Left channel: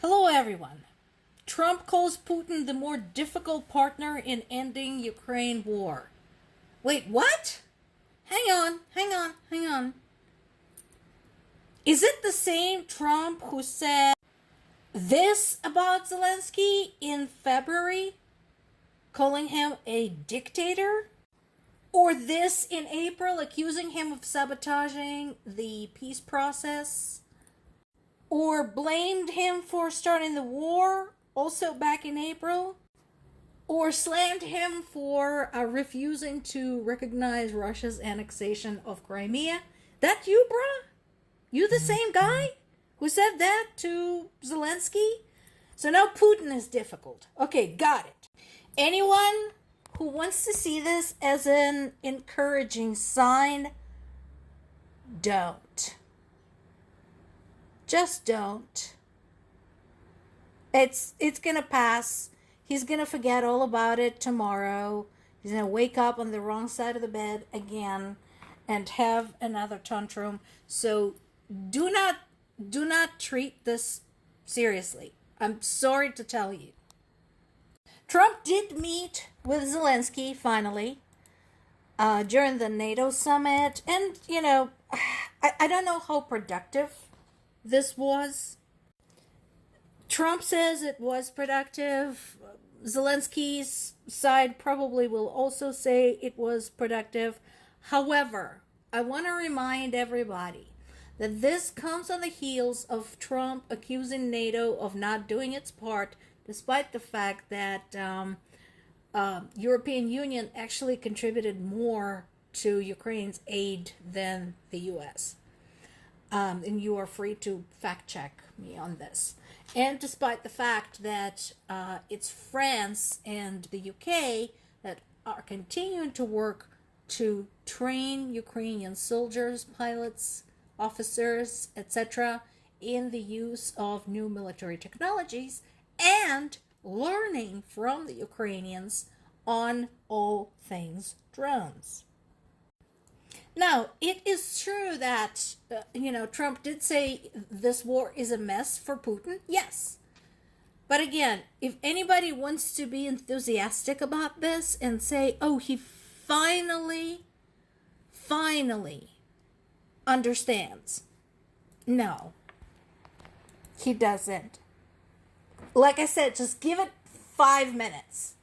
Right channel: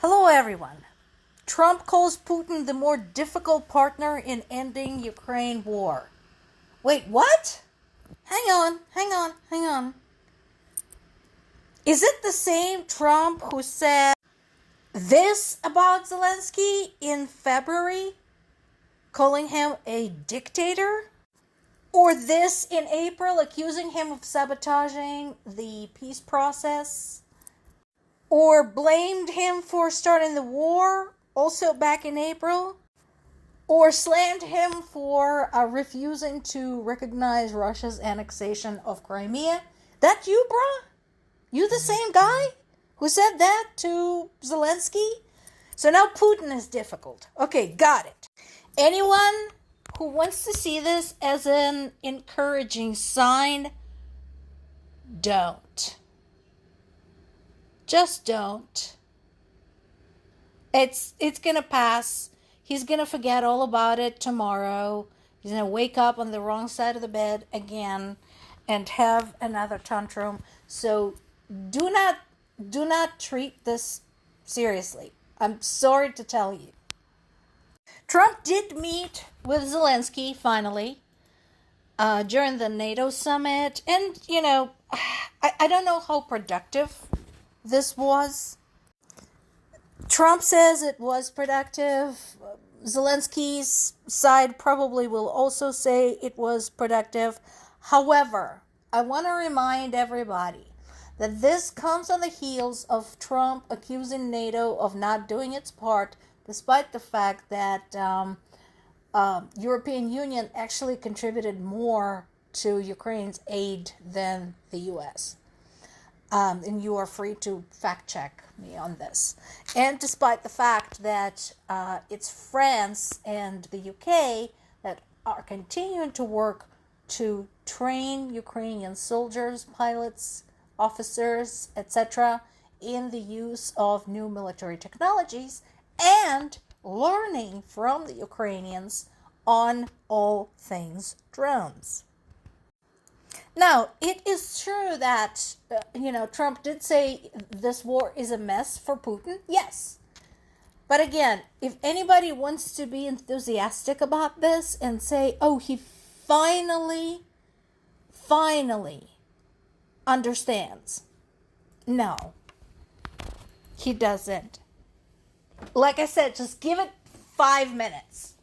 Hello, everyone. Trump calls Putin the more difficult partner in ending Ukraine war. Wait, what? Hang on. Is it the same Trump who said this about Zelensky in February, calling him a dictator? Or this in April, accusing him of sabotaging the peace process? Or blamed him for starting the war, also back in April? Or slammed him for refusing to recognize Russia's annexation of Crimea? That you, bruh? You the same guy who said that to Zelensky? So now Putin is difficult. Okay, got it. Anyone who wants to see this as an encouraging sign, don't. Just don't. It's gonna pass. He's gonna forget all about it tomorrow. He's gonna wake up on the wrong side of the bed again and have another tantrum. So do not treat this seriously. I'm sorry to tell you. Trump did meet with Zelensky finally during the NATO summit, and I don't know how productive this was. Trump says it was productive. Zelensky's side probably will also say it was productive. However, I want to remind everybody that this comes on the heels of Trump accusing NATO of not doing its part, despite the fact that European Union actually contributed more to Ukraine's aid than the U.S. And you are free to fact check me on this. And despite the fact that it's France and the UK that are continuing to work to train Ukrainian soldiers, pilots, officers, etc., in the use of new military technologies and learning from the Ukrainians on all things drones. Now, it is true that, Trump did say this war is a mess for Putin. Yes. But again, if anybody wants to be enthusiastic about this and say, oh, he finally understands. No, he doesn't. Like I said, just give it 5 minutes.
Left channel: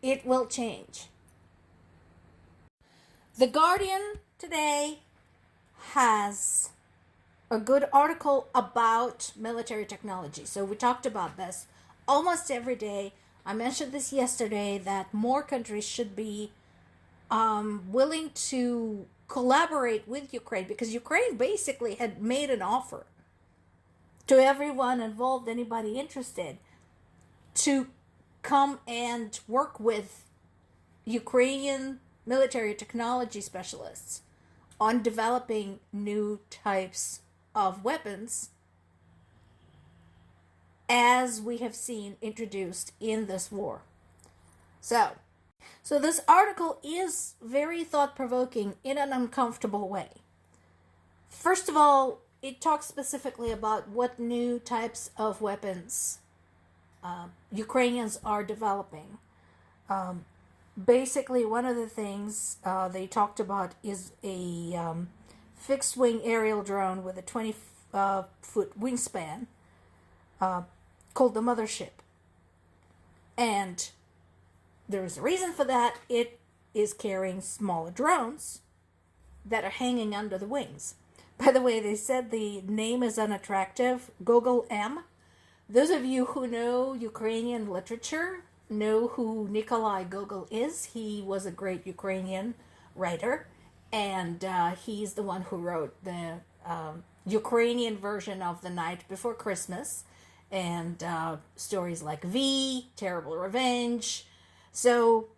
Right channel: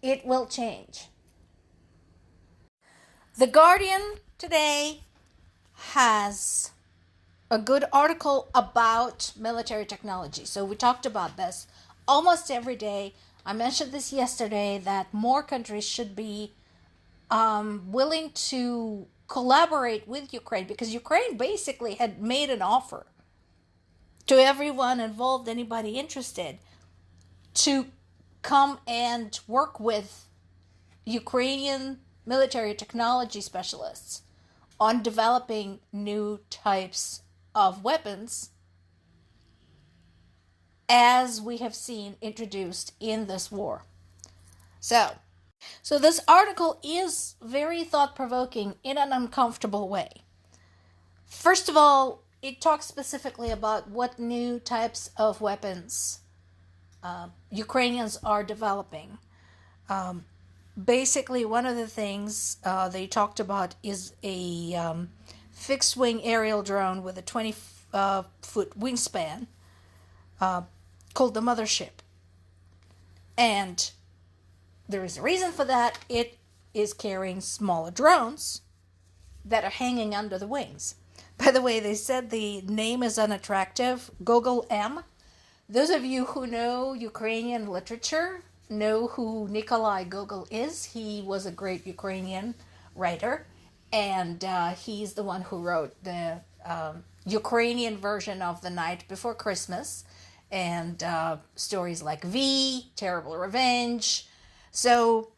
It will change. The Guardian today has a good article about military technology. So we talked about this almost every day. I mentioned this yesterday that more countries should be willing to collaborate with Ukraine, because Ukraine basically had made an offer to everyone involved, anybody interested, to come and work with Ukrainian military technology specialists on developing new types of weapons, as we have seen introduced in this war. So this article is very thought-provoking in an uncomfortable way. First of all, it talks specifically about what new types of weapons Ukrainians are developing. Basically, one of the things they talked about is a fixed-wing aerial drone with a 20-foot wingspan called the Mothership. And there is a reason for that. It is carrying smaller drones that are hanging under the wings. By the way, they said the name is unattractive, Gogol M. Those of you who know Ukrainian literature know who Nikolai Gogol is. He was a great Ukrainian writer, and he's the one who wrote the Ukrainian version of The Night Before Christmas, and stories like V, Terrible Revenge. So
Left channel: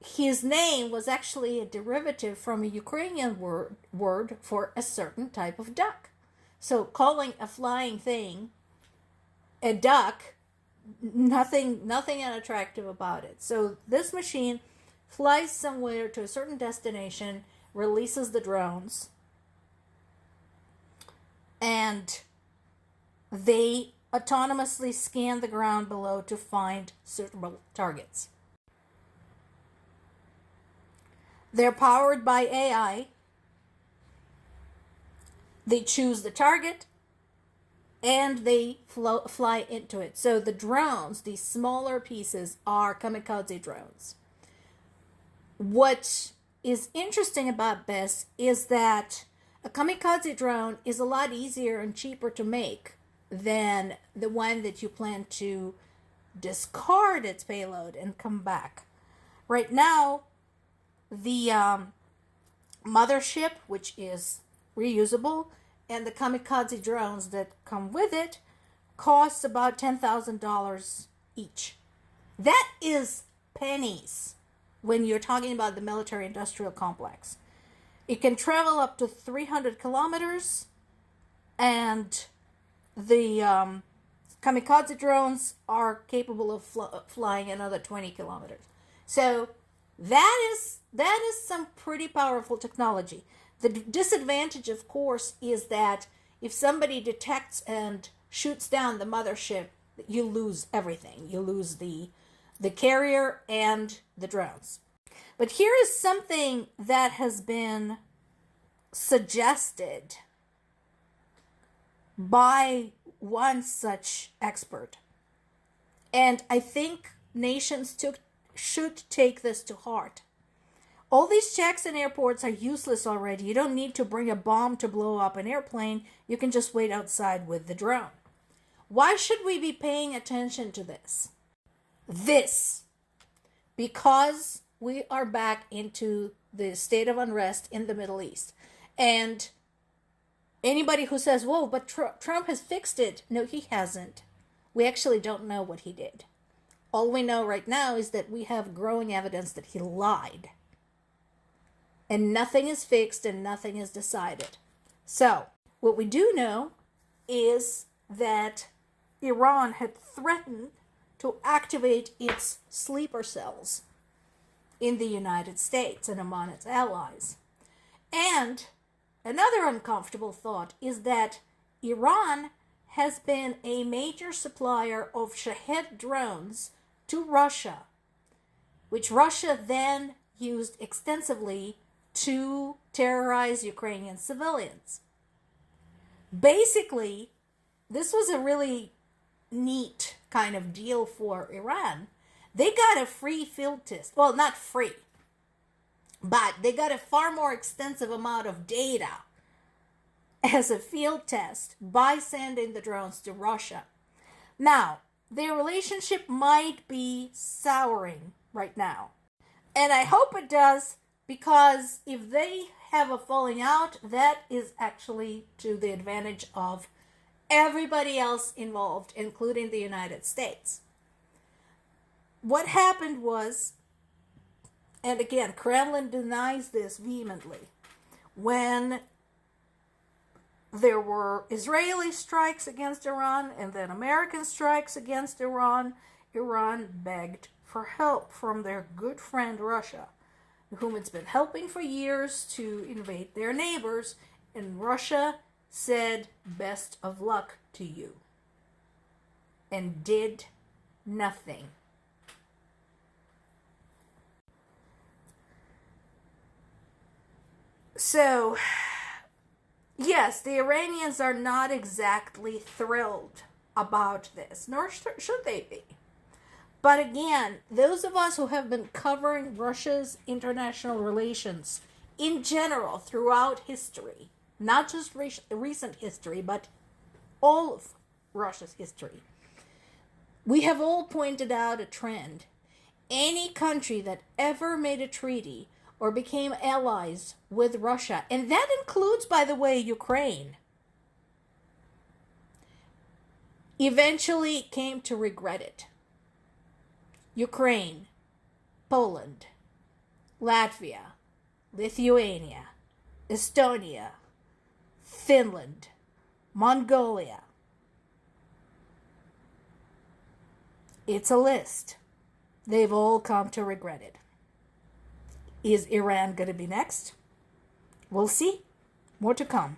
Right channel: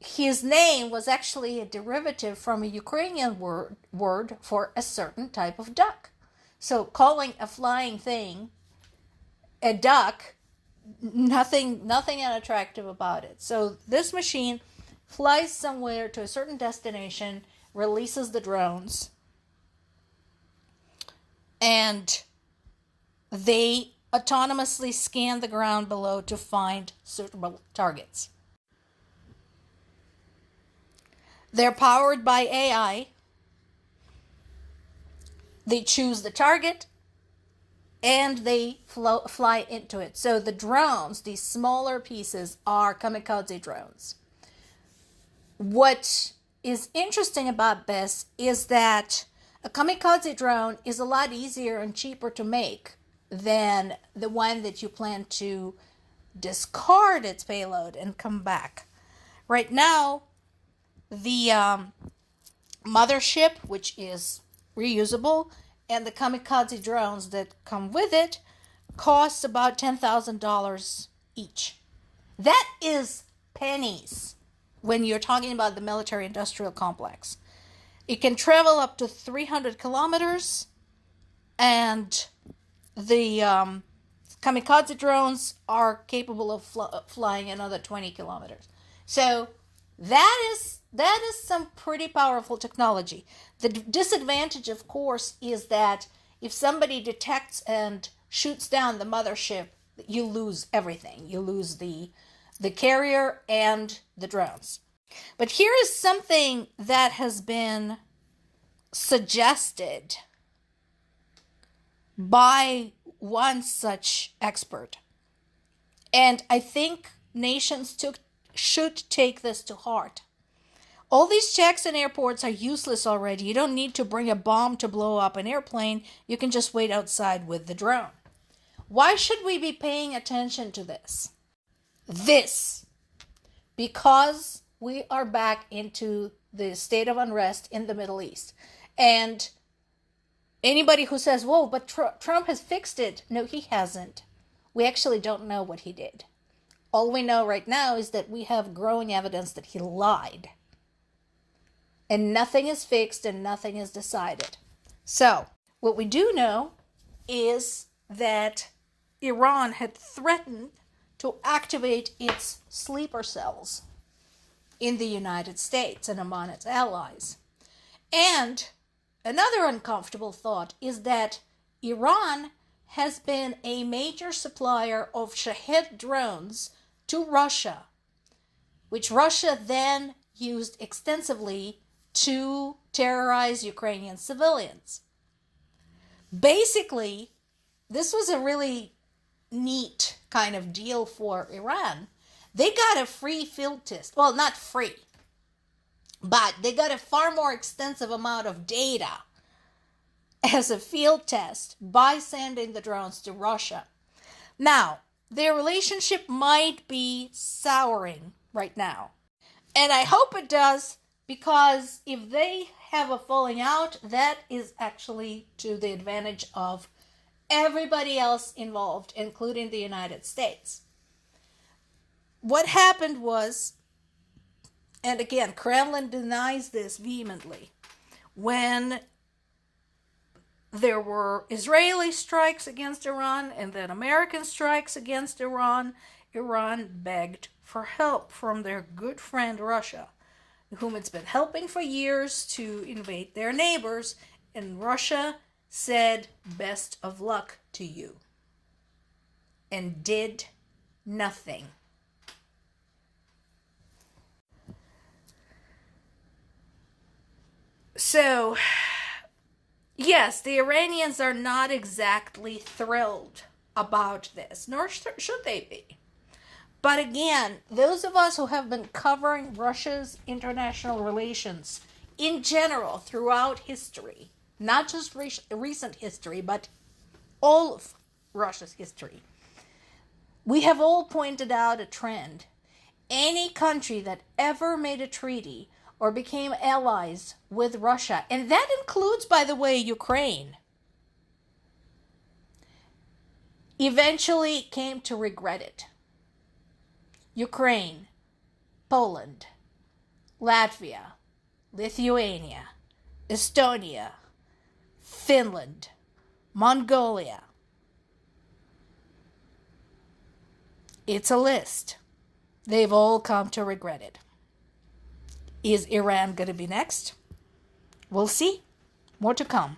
his name was actually a derivative from a Ukrainian word for a certain type of duck. So calling a flying thing a duck, nothing unattractive about it. So this machine flies somewhere to a certain destination, releases the drones, and they autonomously scan the ground below to find suitable targets. They're powered by AI. They choose the target and they fly into it. So the drones, these smaller pieces, are kamikaze drones. What is interesting about this is that a kamikaze drone is a lot easier and cheaper to make than the one that you plan to discard its payload and come back. Right now, the mothership, which is reusable, and the kamikaze drones that come with it cost about $10,000 each. That is pennies when you're talking about the military industrial complex. It can travel up to 300 kilometers, and the kamikaze drones are capable of flying another 20 kilometers. So that is some pretty powerful technology. The disadvantage, of course, is that if somebody detects and shoots down the mothership, you lose everything. You lose the carrier and the drones. But here is something that has been suggested by one such expert. And I think nations should take this to heart. All these checks in airports are useless already. You don't need to bring a bomb to blow up an airplane. You can just wait outside with the drone. Why should we be paying attention to this? Because we are back into the state of unrest in the Middle East. And anybody who says, whoa, but Trump has fixed it. No, he hasn't. We actually don't know what he did. All we know right now is that we have growing evidence that he lied. And nothing is fixed and nothing is decided. So, what we do know is that Iran had threatened to activate its sleeper cells in the United States and among its allies. And another uncomfortable thought is that Iran has been a major supplier of Shahed drones to Russia, which Russia then used extensively to terrorize Ukrainian civilians. Basically, this was a really neat kind of deal for Iran. They got a free field test. Well, not free, but they got a far more extensive amount of data as a field test by sending the drones to Russia. Now, their relationship might be souring right now. And I hope it does, because if they have a falling out, that is actually to the advantage of everybody else involved, including the United States. What happened was, and again, Kremlin denies this vehemently, when there were Israeli strikes against Iran and then American strikes against Iran, Iran begged for help from their good friend Russia, whom it's been helping for years to invade their neighbors, and Russia said, best of luck to you, and did nothing. So, yes, the Iranians are not exactly thrilled about this, nor should they be. But again, those of us who have been covering Russia's international relations in general throughout history, not just recent history, but all of Russia's history, we have all pointed out a trend. Any country that ever made a treaty or became allies with Russia, and that includes, by the way, Ukraine, eventually came to regret it. Ukraine, Poland, Latvia, Lithuania, Estonia, Finland, Mongolia. It's a list. They've all come to regret it. Is Iran going to be next? We'll see. More to come.